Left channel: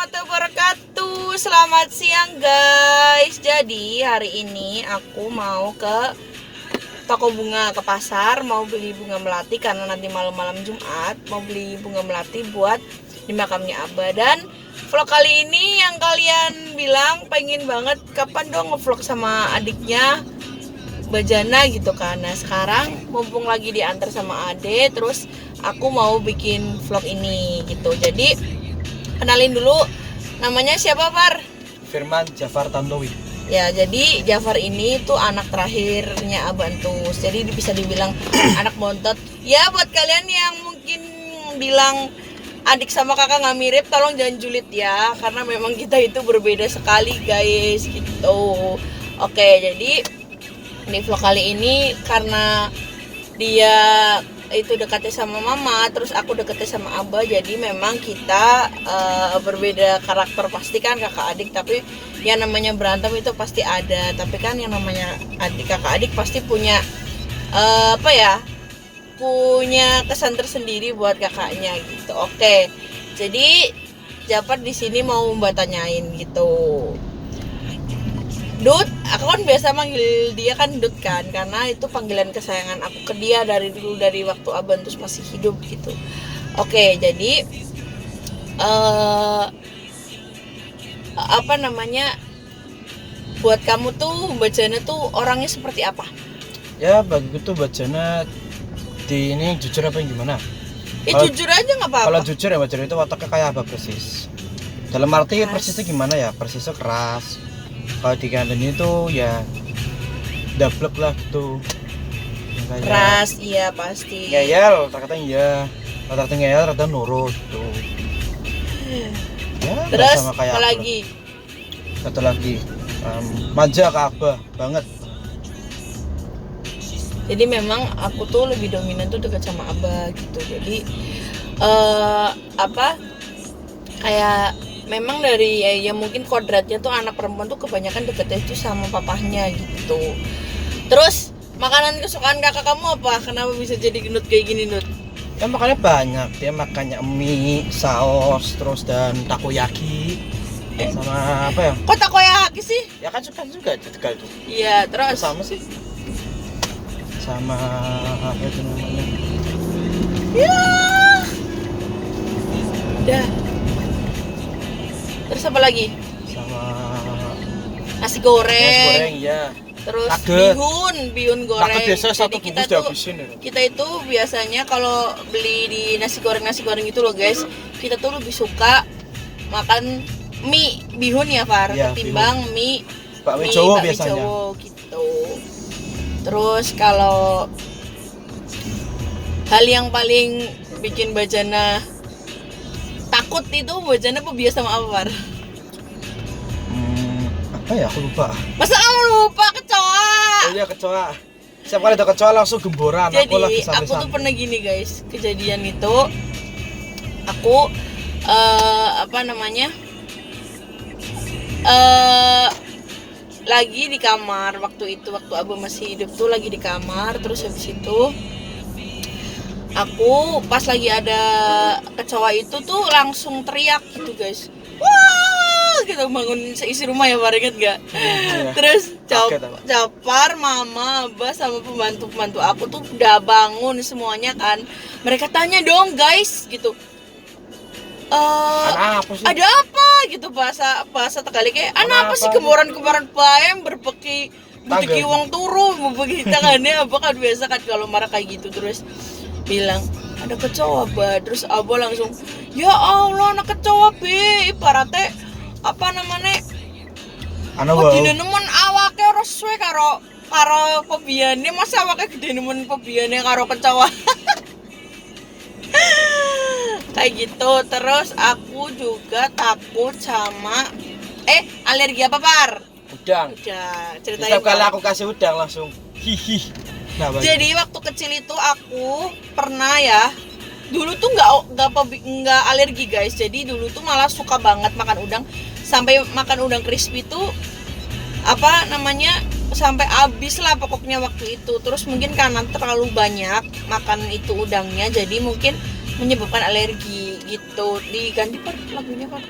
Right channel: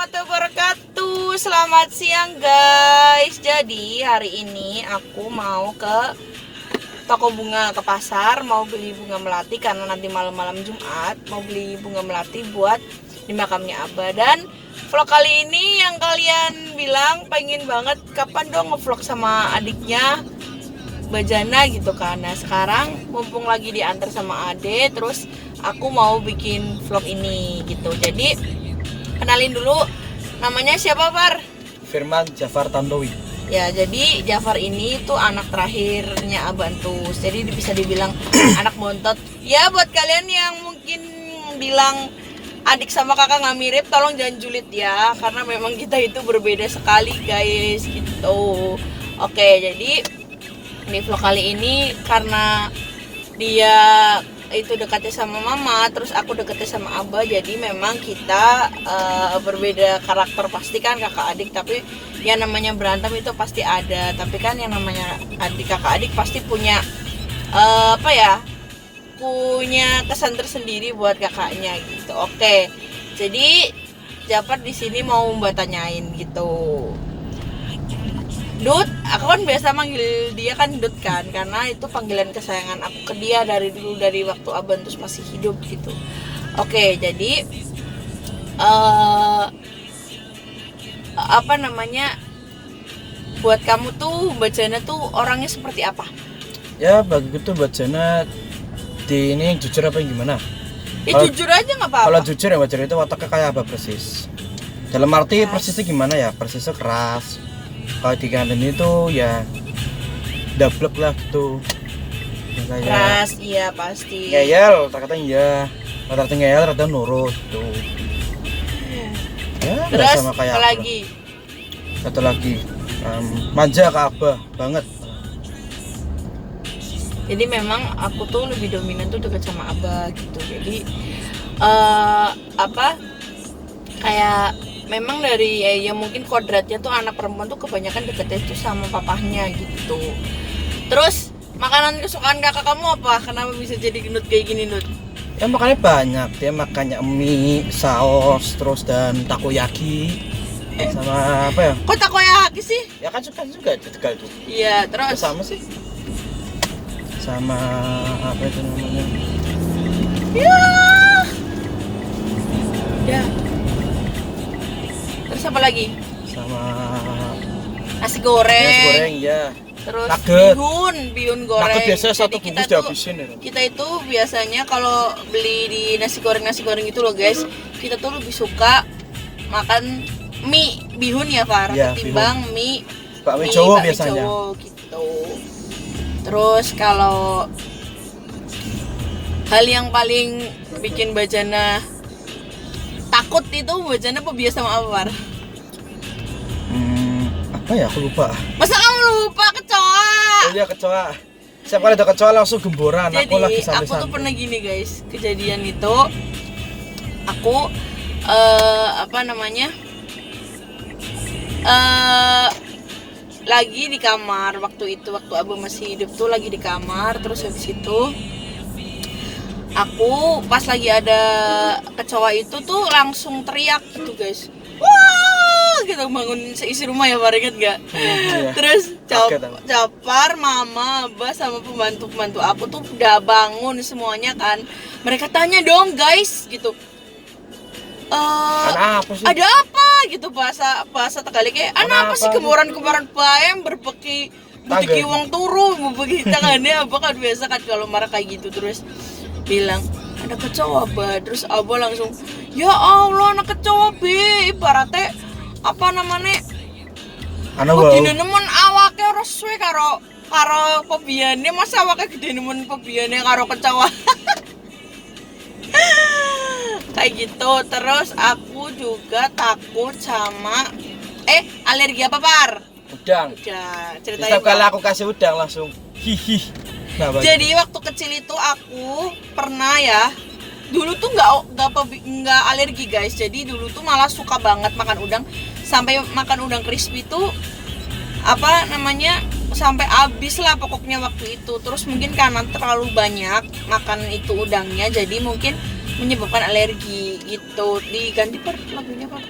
warahmatullahi wabarakatuh. Selamat siang guys. Jadi hari ini aku mau ke toko bunga, ke pasar, mau beli bunga melati karena nanti malam-malam Jumat mau beli bunga melati buat di makamnya Abah. Dan vlog kali ini yang kalian bilang pengen banget kapan dong ngevlog sama adiknya Bajana gitu kan. Nah sekarang mumpung lagi diantar sama Ade, terus aku mau bikin vlog ini gitu. Jadi kenalin dulu, namanya siapa Far? Firman Jafar Tantowi. Ya jadi Jafar ini tuh anak terakhirnya Abah Antus. Jadi bisa dibilang anak bontot. Ya buat kalian yang mungkin bilang adik sama kakak nggak mirip, tolong jangan julid ya, karena memang kita itu berbeda sekali guys gitu. Oke, jadi di vlog kali ini karena dia itu dekatnya sama mama, terus aku dekatnya sama Abah, jadi memang kita berbeda karakter. Pasti kan kakak adik, tapi yang namanya berantem itu pasti ada. Tapi kan yang namanya adik kakak adik pasti punya punya kesan tersendiri buat kakaknya gitu. Oke, jadi Jafar di sini mau mbak tanyain gitu. Dut, aku kan biasa manggil dia kan Dut kan, karena itu panggilan kesayangan aku ke dia dari dulu, dari waktu Abah Antus masih hidup gitu. Oke, jadi buat kamu tuh Bajana tuh orangnya seperti apa? Ya bagiku tuh Bajana di ini jujur apa yang gimana? Jujur aja nggak apa-apa. Kalau jujur ya Bajana itu otaknya kayak Abah persis. Dalam arti persisnya gimana ya? Persisnya keras. Kalau dikandani itu ya dablek lah gitu. Ya, keras, iya pasti. Ngeyel, ternyata iya. Ternyata ngeyel, ternyata nurut gitu. Ya, terus sama kayak apa lagi? Satu lagi, manja ke Abah banget. Jadi memang aku tuh lebih dominan tuh dekat sama Abah gitu. Jadi kayak memang dari ya mungkin kodratnya tuh anak perempuan tuh kebanyakan deketnya tuh sama papahnya gitu. Terus makanan kesukaan kakak kamu apa? Kenapa bisa jadi gendut kayak gini, Dut? Ya makannya banyak, dia makannya mie, saus, terus dan takoyaki. Sama apa ya? Kok takoyaki sih? Ya kan suka juga di Tegal tuh. Iya, terus Ya, sama sih. Sama apa itu namanya? Ya. Terus apa lagi? Sama Nasi goreng. nasi goreng ya. Terus Nugget. bihun goreng. Nugget biasa satu Jadi kita bungkus tuh dihabisin ya. kita itu biasanya kalau beli di nasi goreng itu loh guys, kita tuh lebih suka makan mie bihun ya Far, Ya, ketimbang mie bakmi Jawa biasanya. Jawa gitu. Terus kalau hal yang paling bikin Bajana takut itu, Bajana pebiasa sama apa Far? Apa ya aku lupa. Masa kamu lupa kecoa? Oh iya kecoa. Setiap kali ada kecoa langsung gemboran. Jadi aku lagi aku tuh pernah gini guys, kejadian itu aku lagi di kamar waktu Abah masih hidup tuh, lagi di kamar. Terus habis itu aku pas lagi ada kecoa itu tuh langsung teriak gitu guys, wah gitu, bangun seisi rumah ya Pak, inget gak? Iya. Terus Japar, mama, Abah sama pembantu aku tuh udah bangun semuanya kan. Mereka tanya dong guys gitu, ada apa gitu, bahasa Tegalnya kayak apa sih, kemarin bayam berbeki butiki uang turu berbeki tangannya. Abah kan biasa kan kalau marah kayak gitu. Terus bilang ada kecoa Abah. Terus Abah langsung, ya Allah anak kecoa be, ibaratnya apa namanya, kok dina nemen awake ora suwe karo pebiyane, masa awake gede nemen pebiyane karo kecoa. Kayak gitu. Terus aku juga takut sama alergi apa Par? Udang. Ceritain Setiap kali aku kasih udang langsung hihi. Nah, jadi waktu kecil itu aku pernah ya, dulu tuh nggak alergi guys. Jadi dulu tuh malah suka banget makan udang, sampai makan udang crispy tuh sampai habis lah pokoknya waktu itu. Terus mungkin karena terlalu banyak makan itu udangnya, jadi mungkin menyebabkan alergi gitu. Diganti Par lagunya Par.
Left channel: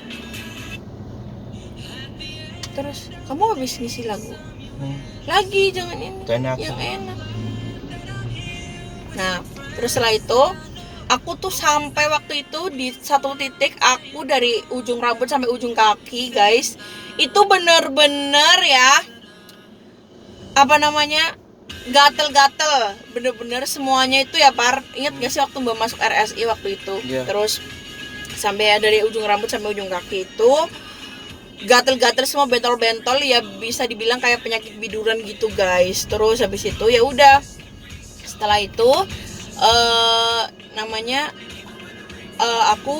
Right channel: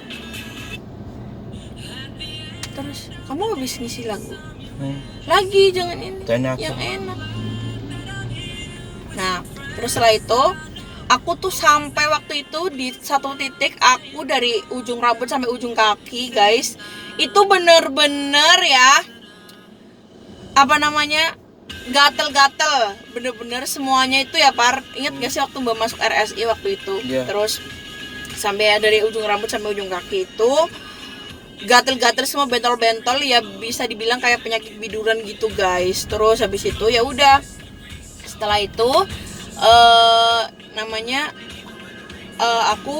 Terus kamu habis ngisi lagu hmm. lagi, jangan ini Dan yang enak. Nah terus setelah itu aku tuh sampai waktu itu di satu titik aku dari ujung rambut sampai ujung kaki guys, itu bener-bener ya apa namanya gatel-gatel, bener-bener semuanya itu ya Par. Ingat gak sih waktu Mbak masuk RSI waktu itu? Iya. Terus sampai dari ujung rambut sampai ujung kaki itu gatel-gatel semua, bentol-bentol ya, bisa dibilang kayak penyakit biduran gitu guys. Terus habis itu ya udah, setelah itu aku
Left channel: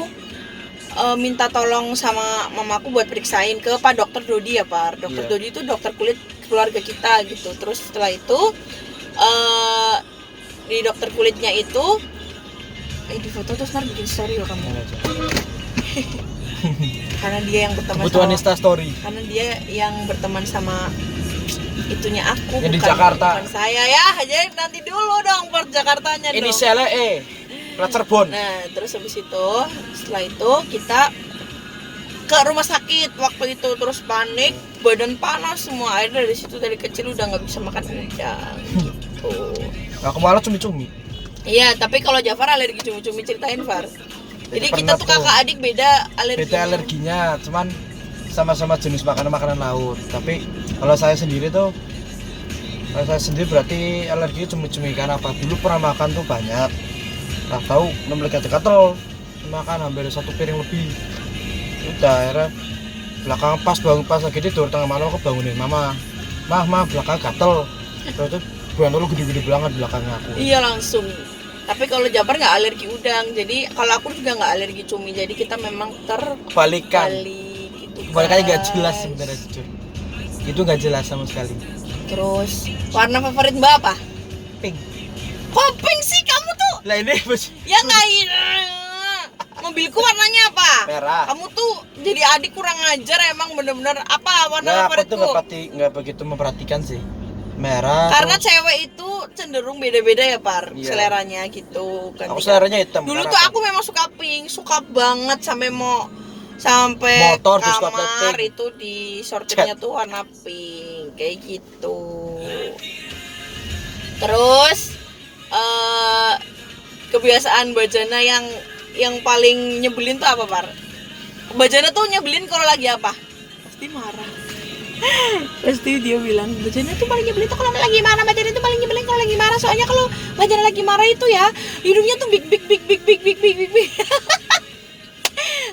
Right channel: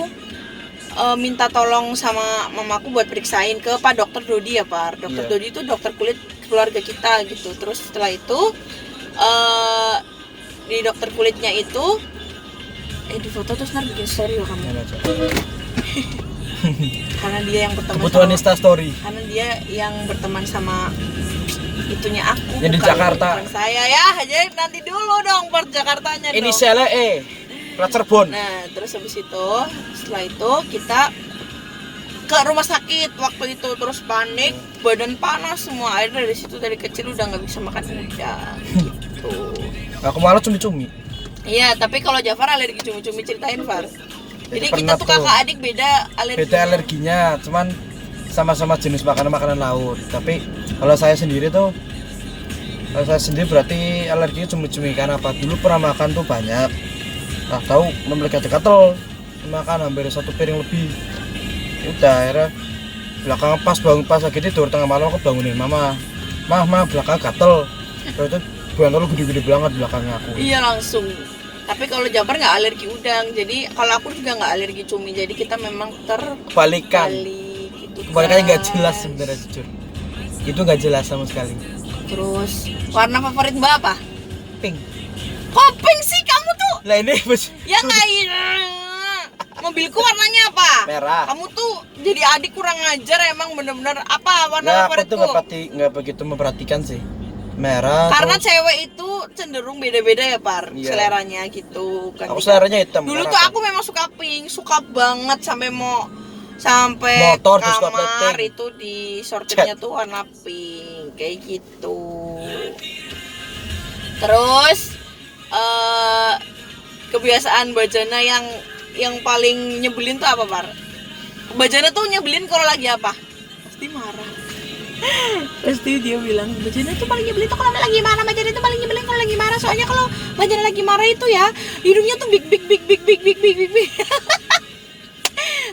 minta tolong sama mamaku buat periksain ke Pak Dokter Dodi ya Pak. Dokter Dodi itu dokter kulit keluarga kita gitu. Terus setelah itu di dokter kulitnya itu di foto terus ntar bikin story loh kamu. Karena dia yang berteman kebutuhan sama, Insta story. karena dia yang berteman sama itunya aku, yang di bukan Jakarta. saya ya. Jadi nanti dulu dong part Jakartanya dong. Inisialnya Cirebon. Nah terus habis itu, setelah itu kita ke rumah sakit waktu itu, terus panik, badan panas semua. Akhirnya dari situ, dari kecil udah nggak bisa makan udang gitu. Aku malah cumi-cumi. Iya, tapi kalau Jafar alergi cumi-cumi, ceritain Far. Jadi kita pernah tuh tuh kakak adik beda alerginya. beda alerginya, cuman sama-sama jenis makanan laut. Tapi kalau saya sendiri berarti alergi cumi-cumi. Karena apa? Dulu pernah makan tuh banyak, nah tahu memiliki gatel, makan hampir 1 piring lebih. Udah akhirnya belakang pas lagi tidur tengah malam aku bangunin mama belakang gatel. Terus itu buang lu gede-gede banget belakangnya aku. Iya langsung. Tapi kalau Jafar nggak alergi udang, jadi kalau aku juga nggak alergi cumi. Jadi kita memang Kebalikan. gitu. Kebalikannya nggak guys. jelas sebenarnya, jujur. Itu nggak jelas sama sekali. Terus warna favorit Mbak apa? Pink. Kok pink sih kamu tuh? Lah ini Ya nggak mobilku warnanya apa? merah. Kamu tuh jadi adik kurang ngajar emang, bener-bener apa warna Ya aku tuh favoritku? nggak begitu memperhatikan sih. Merah. Karena terus cewek itu cenderung beda-beda ya Par, Iya. seleranya gitu kan. aku seleranya hitam. Dulu karena tuh apa? aku memang suka pink, suka banget sampai Motor di suka kamar pink. itu di sortirnya tuh warna pink kayak gitu. Terus kebiasaan Mbak Jana yang paling nyebelin tuh apa Par? Mbak Jana tuh nyebelin kalau lagi apa? Pasti marah. Pasti dia bilang Mbak Jana tuh paling nyebelin tuh kalau lagi marah. Mbak Jana tuh paling nyebelin kalau lagi marah. Soalnya kalau Mbak Jana lagi marah itu ya hidungnya tuh big.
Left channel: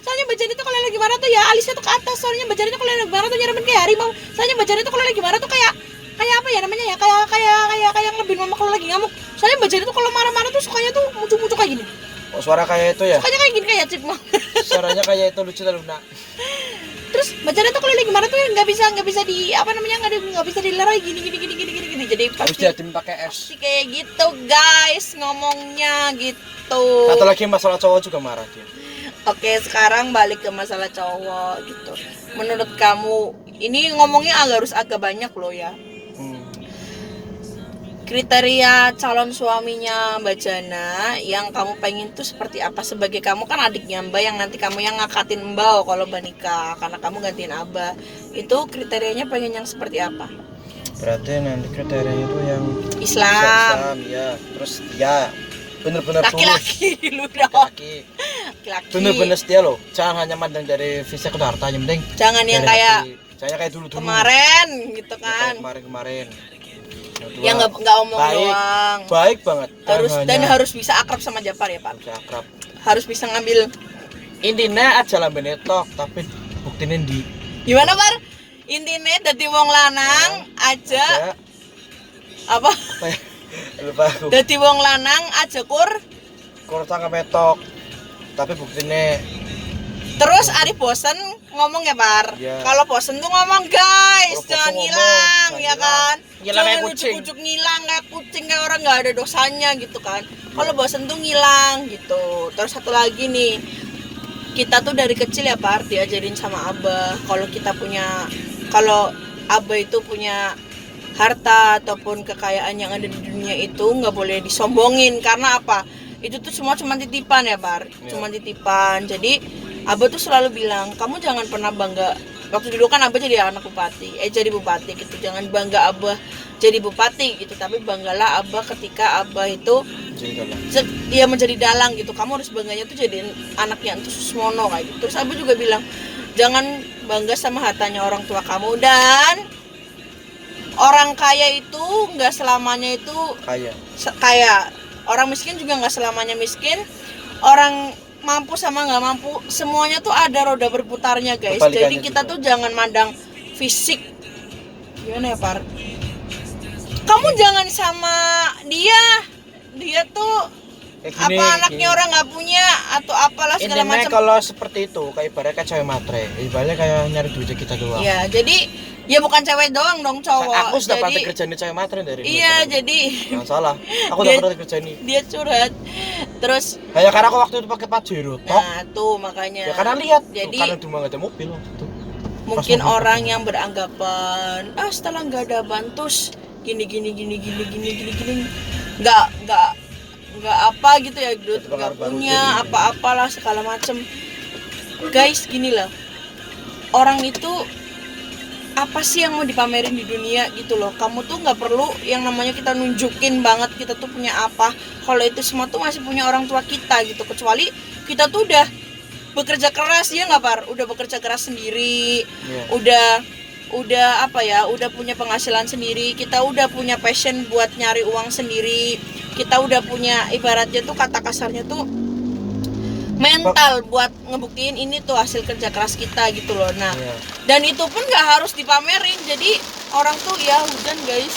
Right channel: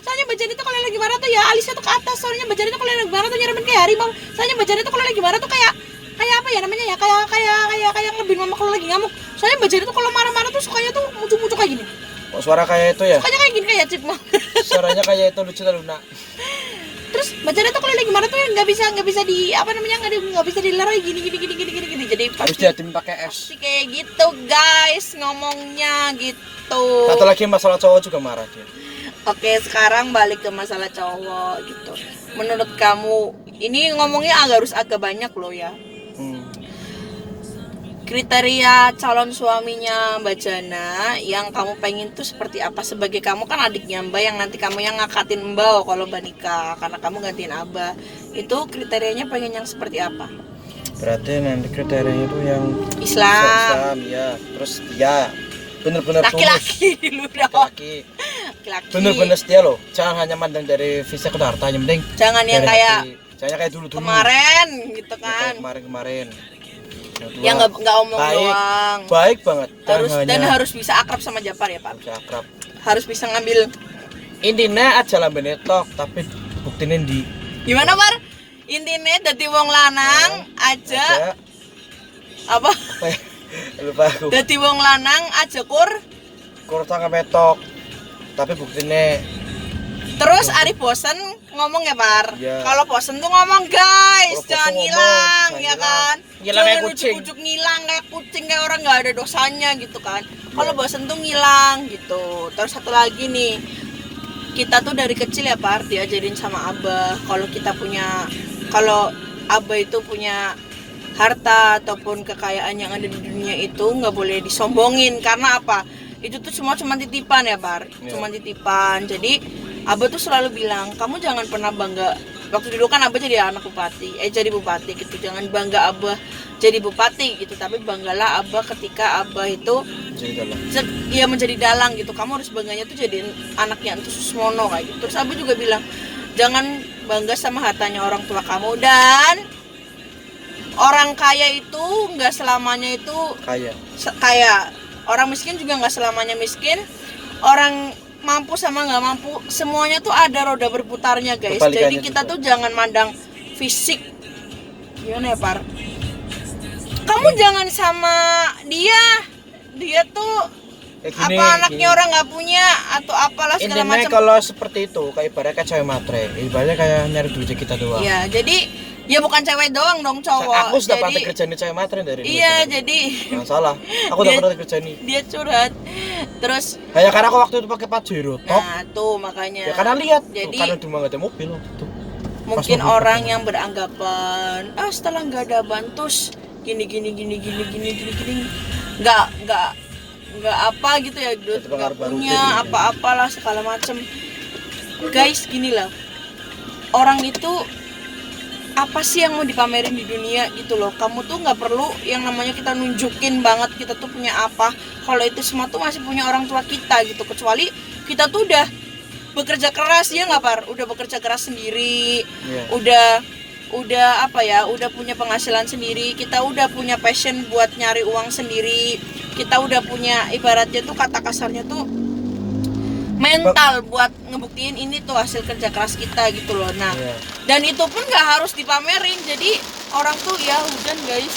Soalnya Mbak Jana tuh kalau lagi marah tuh ya alisnya tuh ke atas. Soalnya Mbak Jana tuh kalau lagi marah tuh nyerempet kayak harimau. Soalnya Mbak Jana tuh kalau lagi marah tuh kayak apa ya namanya ya, kayak ngelebih mama kalau lagi ngamuk. Soalnya Mbak Jana tuh kalau marah-marah tuh sukanya tuh muncul kayak gini. Oh, suara kayak itu ya? Sukanya kayak gini kayak cip mah. Suaranya kayak itu lucu Luna. Terus Mbak Jana tuh kalau lagi marah tuh nggak bisa di apa namanya, nggak bisa dilerai gini. Jadi Harus pasti diatin pakai es. kayak gitu guys ngomongnya gitu. Satu lagi masalah cowok juga marah dia. Oke, sekarang balik ke masalah cowok gitu. Menurut kamu, ini ngomongnya harus agak banyak loh ya. Kriteria calon suaminya Mbak Jana yang kamu pengen tuh seperti apa? Sebagai kamu kan adiknya Mbak, yang nanti kamu yang ngakatin Mbak kalau Mbak nikah, karena kamu gantiin Abah. Itu kriterianya pengen yang seperti apa? Berarti nanti kriterianya itu yang Islam. ya. Terus ya bener-bener Laki-laki lu dong. laki-laki. Laki. Bener-bener setia loh. Jangan hanya mandang dari fisik atau harta, yang penting Jangan yang dari kayak hati. Saya kayak dulu kemarin gitu kan. Kemarin. Yang nggak omong doang. Baik banget. Harus bisa akrab sama Jafar ya Pak. Harus akrab. Harus bisa ngambil. Intinya aja lah benetok, tapi buktinya di Gimana Bar? Intinya dadi wong lanang aja apa? Lupa aku. Dadi wong lanang aja Kurang metok. Tapi buktinya terus Ari bosen ngomong ya Bar. Ya. Kalau bosen tuh ngomong guys, Kalau jangan bosen ngilang ngomong, ya jangan kan. Ngilang kayak Jangan kucing. ujuk-ujuk ngilang kayak kucing, kayak orang nggak ada dosanya gitu kan. Kalau bosen tuh ngilang gitu. Terus satu lagi nih, kita tuh dari kecil ya Par diajarin sama Abah kalau Abah itu punya harta ataupun kekayaan yang ada di dunia itu nggak boleh disombongin. Karena apa? Itu tuh cuma titipan ya Par, cuma titipan. Jadi Abah tuh selalu bilang, kamu jangan pernah bangga waktu dulu kan abah jadi anak bupati, jadi bupati gitu. Jangan bangga abah jadi bupati gitu, tapi banggalah abah ketika abah itu Jadi kalau dia menjadi dalang gitu. Kamu harus bangganya tuh jadi anaknya Entus Susmono kayak gitu. Terus abah juga bilang jangan bangga sama hartanya orang tua kamu, dan orang kaya itu nggak selamanya itu kaya, orang miskin juga nggak selamanya miskin, orang mampu sama nggak mampu semuanya tuh ada roda berputarnya guys. Jadi kita tuh jangan mandang fisik. Gimana ya Par? Kamu jangan sama dia tuh apa anaknya orang nggak punya atau apalah segala macam. Kalau seperti itu kayak ibaratnya cewek matre, ibaratnya kayak nyari duit kita doang. Ya jadi ya bukan cewek doang dong, cowok. Aku sudah pernah kerjain cewek matre dari iya dulu. Jadi nggak salah, aku udah pernah kerjain. Dia curhat terus kayak karena aku waktu itu pakai Pajero top. Nah tuh makanya ya karena lihat jadi karena cuma nggak ada mobil tuh. Mungkin orang yang beranggapan setelah nggak ada bantus gini nggak apa gitu ya, duit nggak punya apa-apalah segala macem. Guys gini lah, orang itu apa sih yang mau dipamerin di dunia gitu loh. Kamu tuh nggak perlu yang namanya kita nunjukin banget kita tuh punya apa, kalau itu semua tuh masih punya orang tua kita gitu. Kecuali kita tuh udah bekerja keras, ya nggak Par, udah bekerja keras sendiri, udah apa ya, udah punya penghasilan sendiri, kita udah punya passion buat nyari uang sendiri, kita udah punya ibaratnya tuh kata kasarnya tuh mental buat ngebuktiin ini tuh hasil kerja keras kita gitu loh. Nah dan itu pun nggak harus dipamerin. Jadi orang tuh ya hujan guys,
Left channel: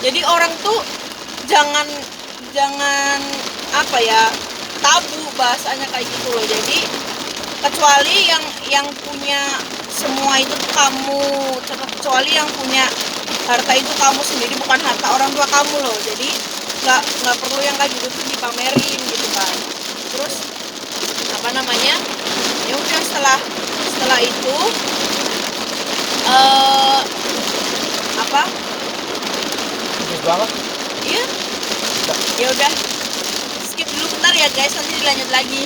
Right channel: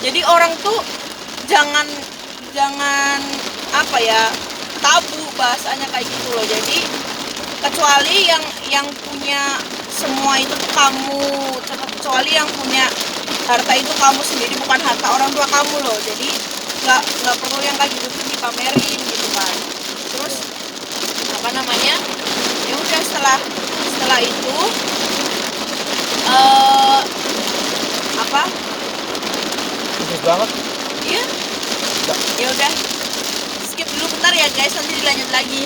jadi orang tuh jangan apa ya, tabu bahasanya kayak gitu loh. Jadi kecuali yang punya semua itu tuh kamu, kecuali yang punya harta itu kamu sendiri, bukan harta orang tua kamu loh. Jadi nggak perlu yang kayak gitu tuh dipamerin gitu kan. Terus apa namanya, ya udah setelah itu apa bagus banget iya ya udah skip dulu bentar ya guys, nanti dilanjut lagi.